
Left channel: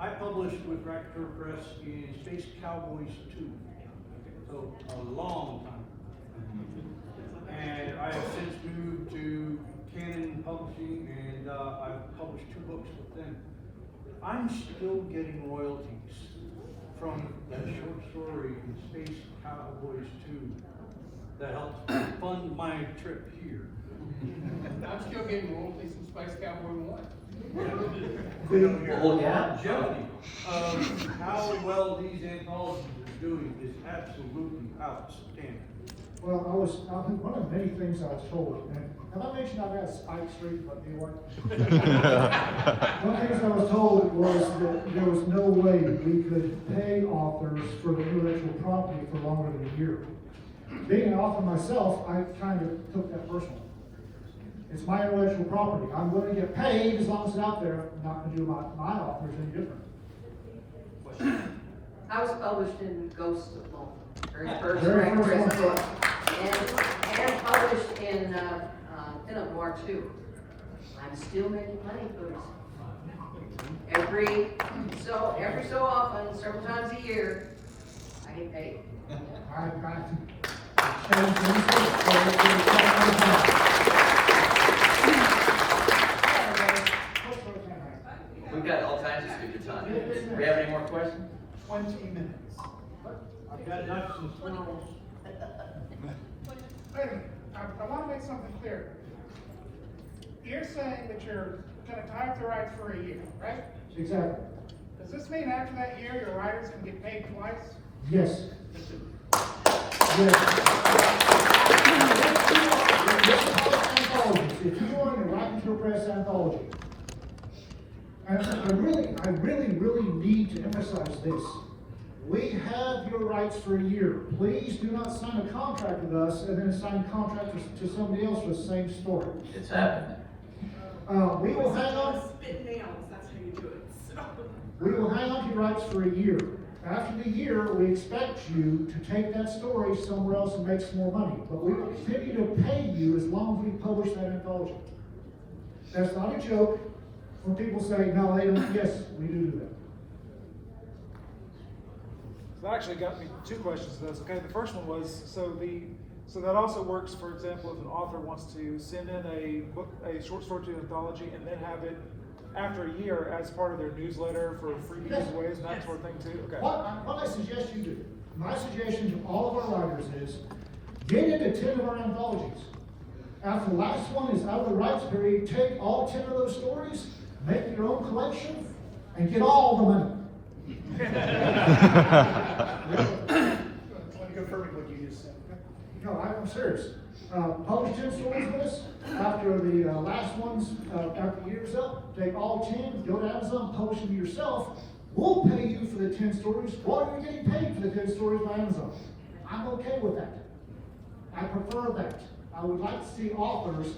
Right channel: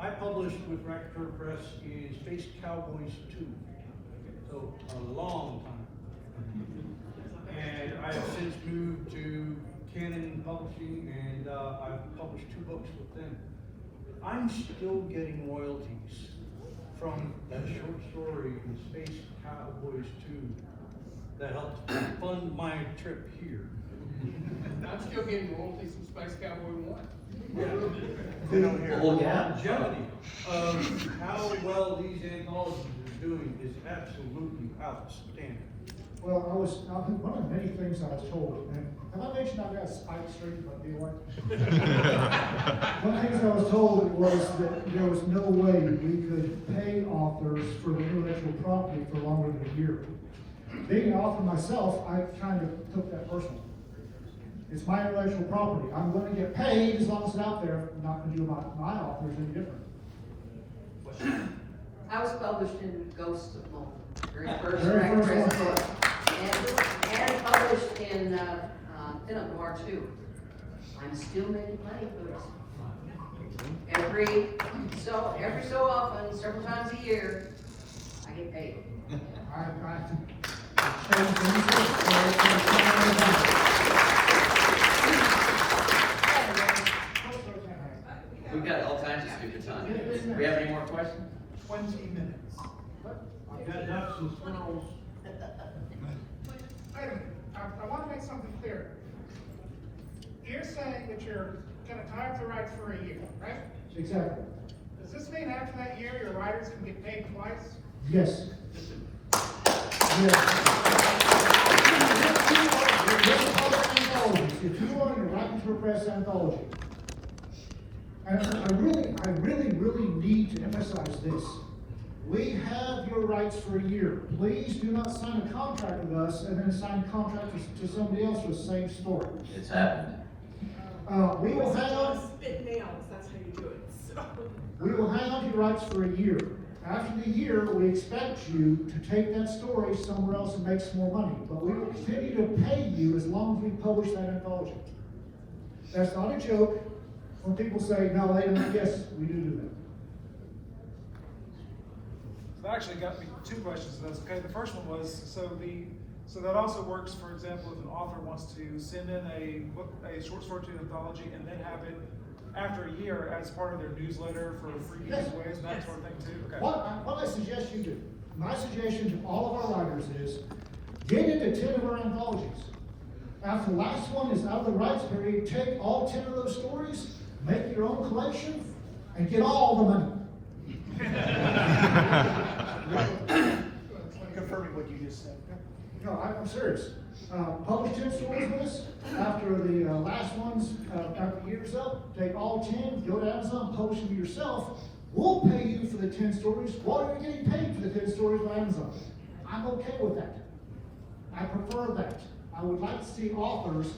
I published with Raconteur Press in Space Cowboys 2, so a long time. And I have since moved to Canon Publishing, and I've published 2 books with them. I'm still getting royalties from that short story in Space Cowboys 2 that helped fund my trip here. I'm still getting royalties from Space Cowboy 1. The longevity of how well these anthologies are doing is absolutely outstanding. Well, one of the many things I was told, and have I mentioned I've got a Spike Street in my deal? One of the things I was told was that there was no way we could pay authors for the intellectual property for longer than a year. Being an author myself, I kind of took that personally. It's my intellectual property. I'm going to get paid as long as it's out there. I'm not going to do my authors any different. I was published in Ghost of Malta, very first Very Raconteur first Press one. book, and published in Pinup Noir 2. I'm still making money for this. Every so often, several times a year, I get paid. I've got to. We've got all kinds of stupid time. Do we have any more questions? 20 minutes. I've got nuts and swirls. Wait a minute, I want to make something clear. You're saying that you're going to tie up the rights for a year, right? Exactly. Does this mean after that year, your writers can get paid twice? Yes. If you are in the Raconteur Press anthology, and I really need to emphasize this. We have your rights for a year. Please do not sign a contract with us and then sign a contract to somebody else for the same story. It's happening. We will hang on. Spit nails, that's how you do it, so. We will hang on to your rights for a year. After the year, we expect you to take that story somewhere else and make some more money. But we will continue to pay you as long as we publish that anthology. That's not a joke. When people say, no, they don't, yes, we do that. That actually got me 2 questions to this. Okay, the first one was, so that also works, for example, if an author wants to send in a short story to an anthology and then have it after a year as part of their newsletter for free giveaways and that sort of thing too. Okay. What I suggest you do, my suggestion to all of our writers is, get into 10 of our anthologies. After the last one is out of the rights period, take all 10 of those stories, make your own collection, and get all the money. Confirming what you just said. No, I'm serious. Publish 10 stories with us. After the last one's, after the year's up, take all 10, go to Amazon, publish them yourself. We'll pay you for the 10 stories while you're getting paid for the 10 stories by Amazon. I'm okay with that. I prefer that. I would like to see authors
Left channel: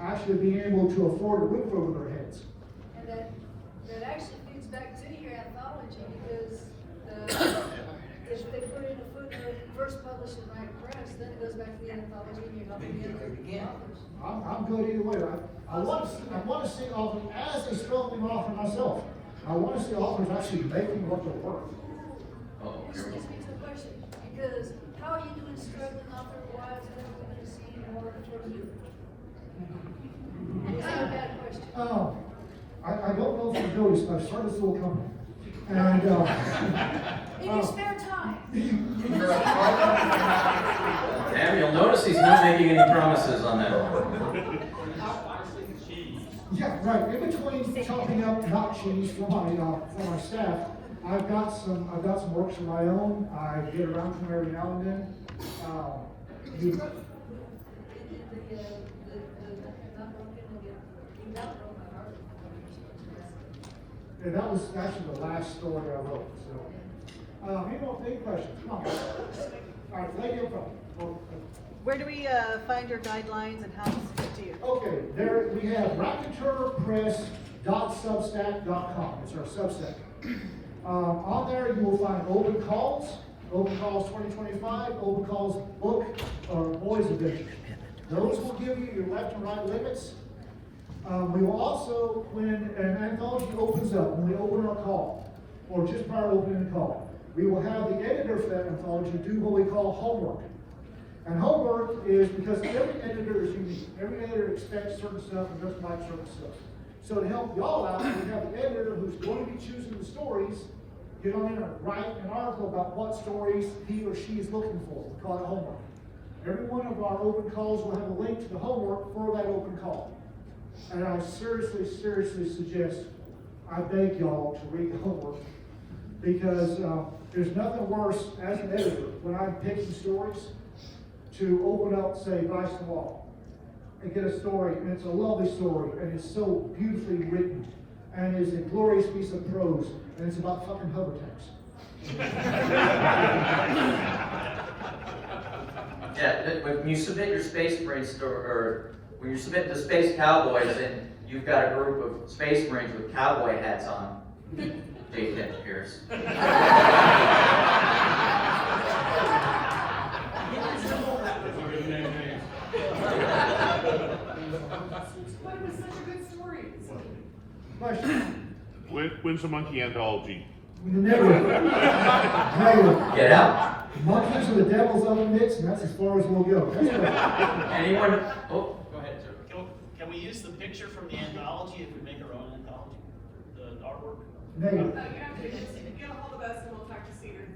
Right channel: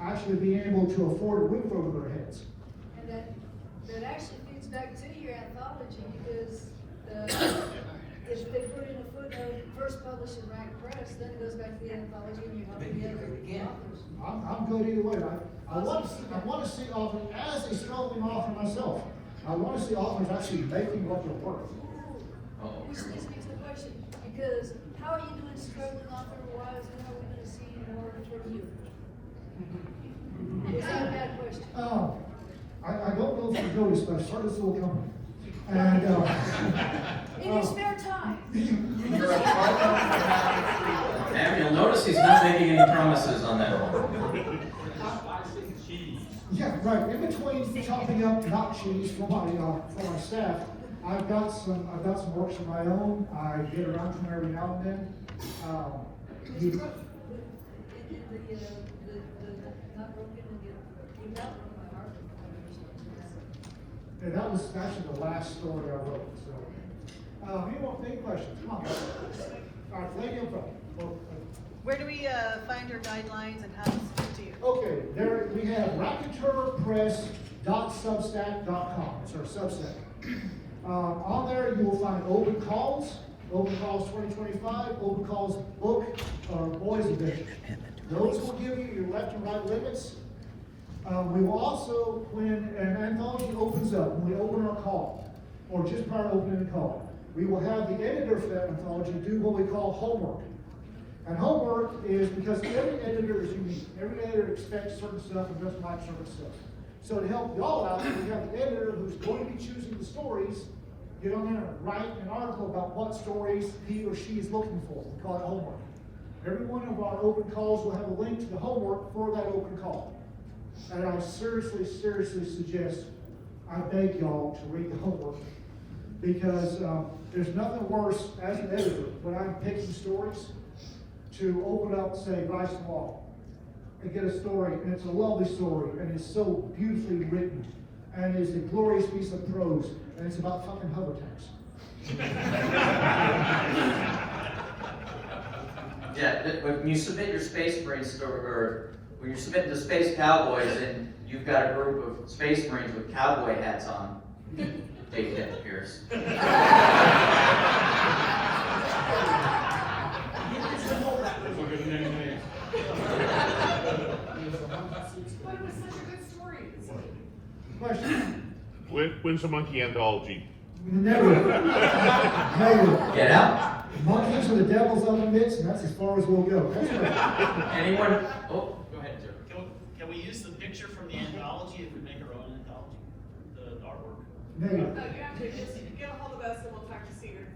actually being able to afford a roof over their heads. And that actually feeds back to your anthology because if they put in a footnote, first published in Raconteur Press, then it goes back to the anthology and you help the other authors. I'm good either way. I want to see authors, as a struggling author myself, I want to see authors actually making what they're worth. This leads me to a question, because how are you doing struggling author wise, and how are we going to see more from you? Is that a bad question? I don't know if I do this, but I started this little company. And, In your spare time. And you'll notice he's not making any promises on that one. yeah, right. In between chopping up nut cheese for my staff, I've got some works of my own. I get around to them every now and then. And that was actually the last story I wrote. So, any questions? Come on. All right, lady in front. Where do we find your guidelines and how to get to you? Okay, there we have raconteurpress.substack.com. It's our Substack. On there you will find Open Calls 2025, Open Calls book, Boys Edition. Those will give you your left and right limits. We will also, when an anthology opens up, when we open our call, or just prior to opening the call, we will have the editor for that anthology do what we call homework. And homework is because every editor is unique. Every editor expects certain stuff and doesn't like certain stuff. So to help y'all out, we have the editor who's going to be choosing the stories. You don't have to write an article about what stories he or she is looking for. We call it homework. Every one of our open calls will have a link to the homework for that open call. And I seriously suggest, I beg y'all to read the homework, because there's nothing worse as an editor when I'm picking stories to open up, say, Vice and Law, and get a story, and it's a lovely story, and it's so beautifully written, and it's a glorious piece of prose, and it's about fucking hover tanks. Yeah, when you submit your Space Marines story, or when you're submitting to Space Cowboys and you've got a group of Space Marines with cowboy hats on, take that, Pierce. Question? When's the monkey anthology? Never. Never. Get out. Monkeys are the devils of the mix, and that's as far as we'll go. Anyone? Oh, go ahead, sir. Can we use the picture from the anthology if we make our own anthology? The artwork? Negative. You have to, just get a hold of us and we'll talk to Cedar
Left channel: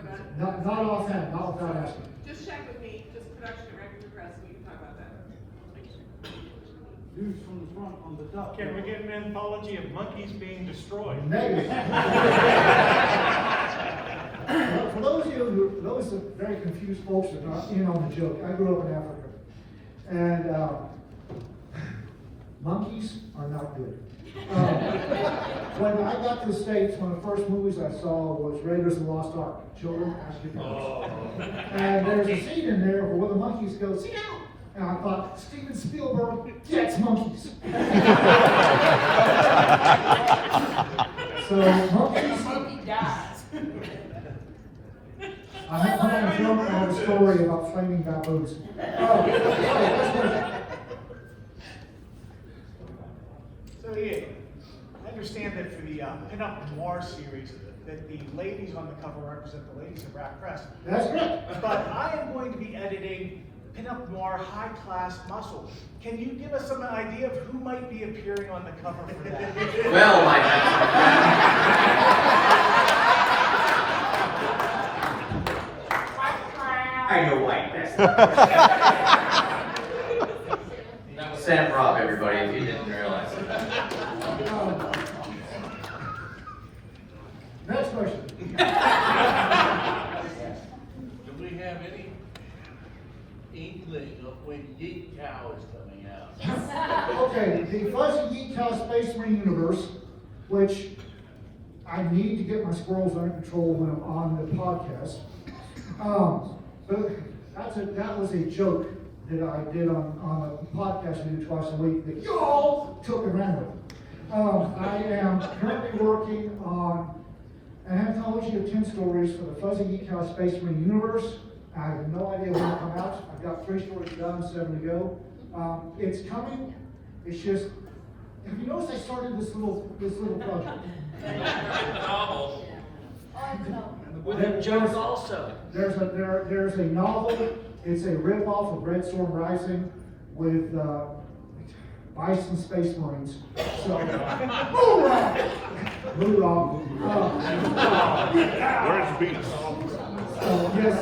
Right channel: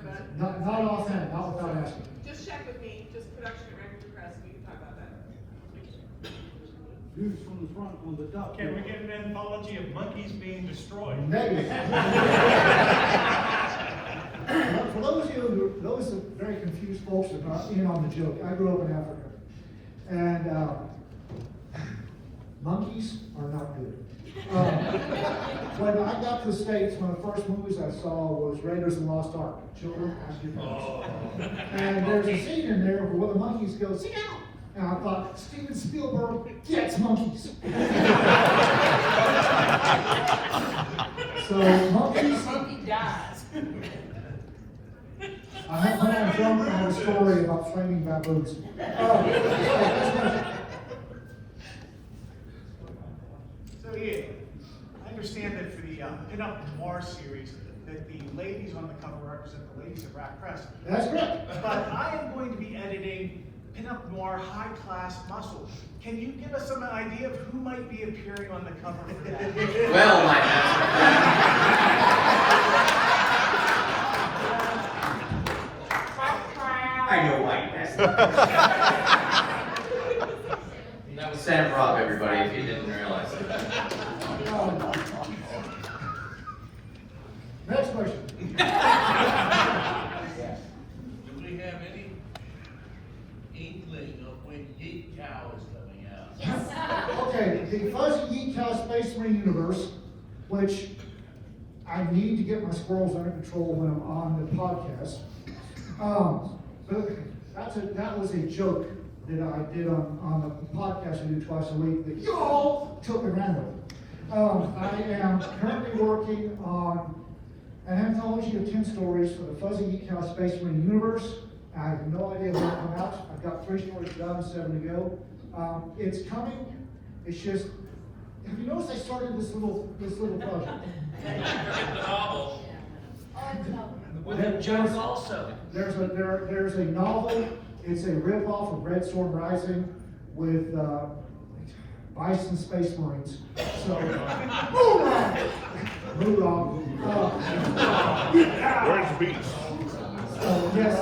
about it. Not offhand, not without asking. Just check with me, just production at Raconteur Press, and we can talk about that. Views from the front on the duck. Can we get an anthology of monkeys being destroyed? Negative. For those very confused folks that are not in on the joke, I grew up in Africa. And monkeys are not good. When I got to the States, one of the first movies I saw was Raiders of the Lost Ark. Children have to be honest. And there's a scene in there where the monkeys go, "Sit down." And I thought, Steven Spielberg gets monkeys. So monkeys. Monkey dies. I have a story about flaming baboons. So yeah, I understand that for the Pin-Up Noir series, that the ladies on the cover represent the ladies of Rap Press. That's correct. But I am going to be editing Pin-Up Noir High Class Muscle. Can you give us some idea of who might be appearing on the cover for that? Well, my I know why you asked that was Santa Rob, everybody, if you didn't realize it. Next question. Do we have any inkling of when Yeet Cow is coming out? Yes. Okay, the Fuzzy Yeet Cow Space Marine universe, which I need to get my squirrels under control when I'm on the podcast. But that was a joke that I did on a podcast we do twice a week that you all took and ran with. I am currently working on an anthology of 10 stories for the Fuzzy Yeet Cow Space Marine universe. I have no idea when it'll come out. I've got 3 stories done, 7 to go. It's coming. It's just, have you noticed I started this little project? With a joke also. There's a novel. It's a ripoff of Red Storm Rising with Bison Space Marines. So, hoorah! Where's the beast? Yes.